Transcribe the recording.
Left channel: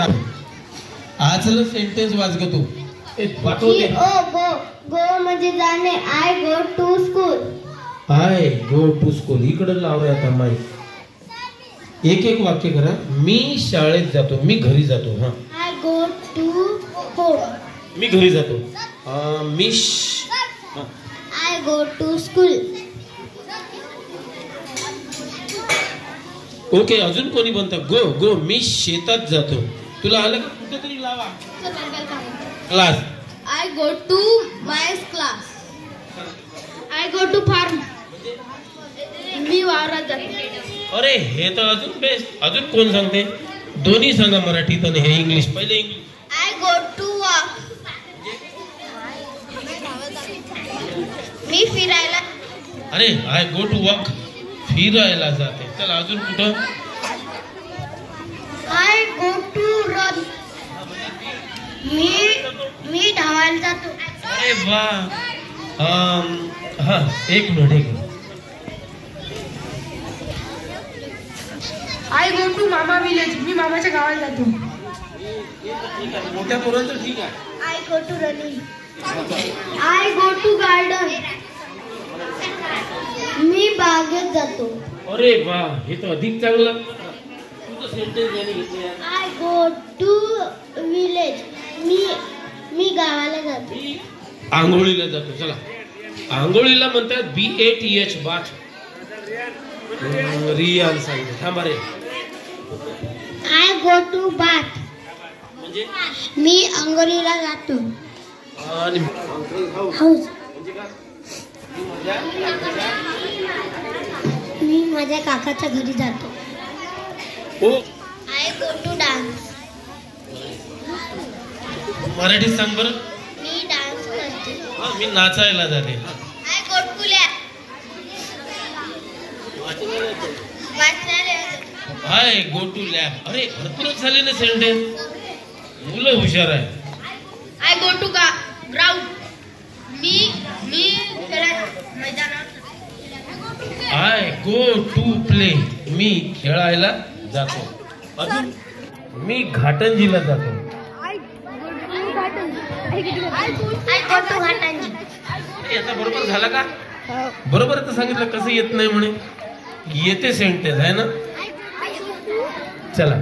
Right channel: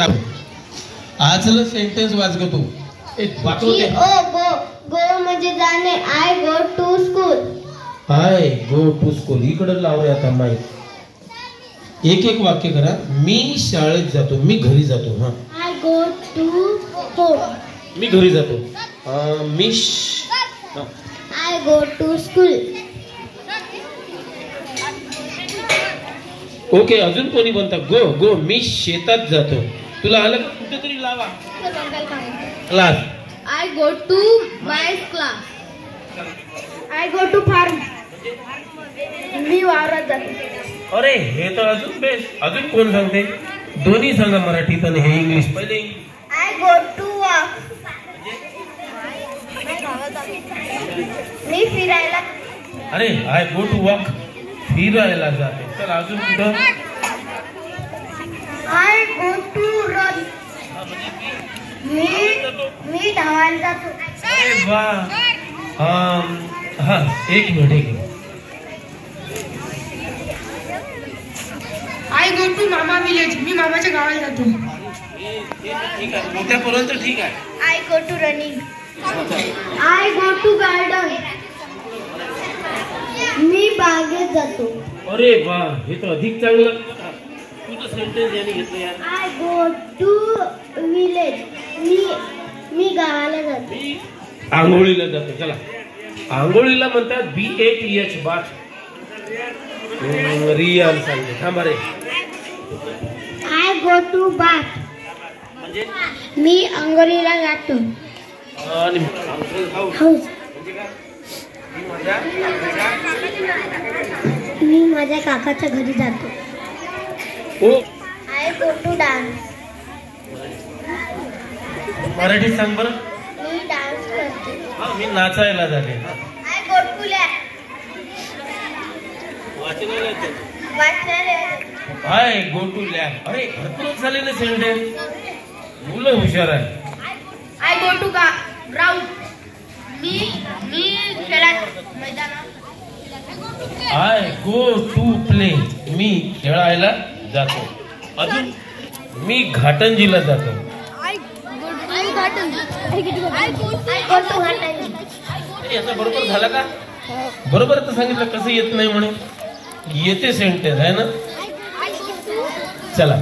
आजलं sentence वाच ग तू. वाचवते. Go म्हणजे जाणे. I go to school. I go to school. इकडे लावले आता माईक. एक एक वाक्य करा. मी शाळेत जातो. मी घरी जातो. हा. I go to home. मी घरी जातो. I go to school. Okay. अजून कोणी म्हणता गो गो. मी शेतात जातो. तुला आलं का? कुठेतरी लावा. Class. I go to my class. I go to farm. मी वावरात जातो. अरे हे तर अजून बेस्ट. अजून कोण सांगते? दोन्ही सांगा, मराठीत आणि हे इंग्लिश. पहिले English. I go to walk. मी फिरायला. अरे आय गो टू वॉक. फिरायला जाते. चल अजून कुठं? I go to run. मी धावायला जातो. अरे वा. हा एक minute. I go to mama village. मी मामाच्या गावाला जातो. ठीक आहे. मोठ्यापर्यंत ठीक आहे. I go to running. I go to garden. मी बागेत जातो. अरे वा. हे तर अधिक चांगलं. तुझं सेंटेन्स याने घेतलं यार. I go to village. मी गावाला जातो. आंघोळीला जातो. चला. आंघोळीला म्हणतात BATH बाथ. रियान सांगते. थांबा रे. I go to bath. म्हणजे मी आंघोळीला जातो. आणि हाऊस. मी माझ्या काकाच्या घरी जातो. हो. I go to dance. Marathi सांग बरं. मी डान्स करते. हा मी नाचायला जाते. I go to lab. I go to lab. अरे भरपूरच झाले ना सेंटेन्स. मुलं हुशार आहे. I go to ground. मी खेळायला मैदानावर. I go to play. मी खेळायला जातो. अजून मी घाटंजीला जातो. याचा बरोबर झाला का? बरोबर तर सांगितलं. कसं येत नाही म्हणे. येते सेंटेन्स आहे ना. चला.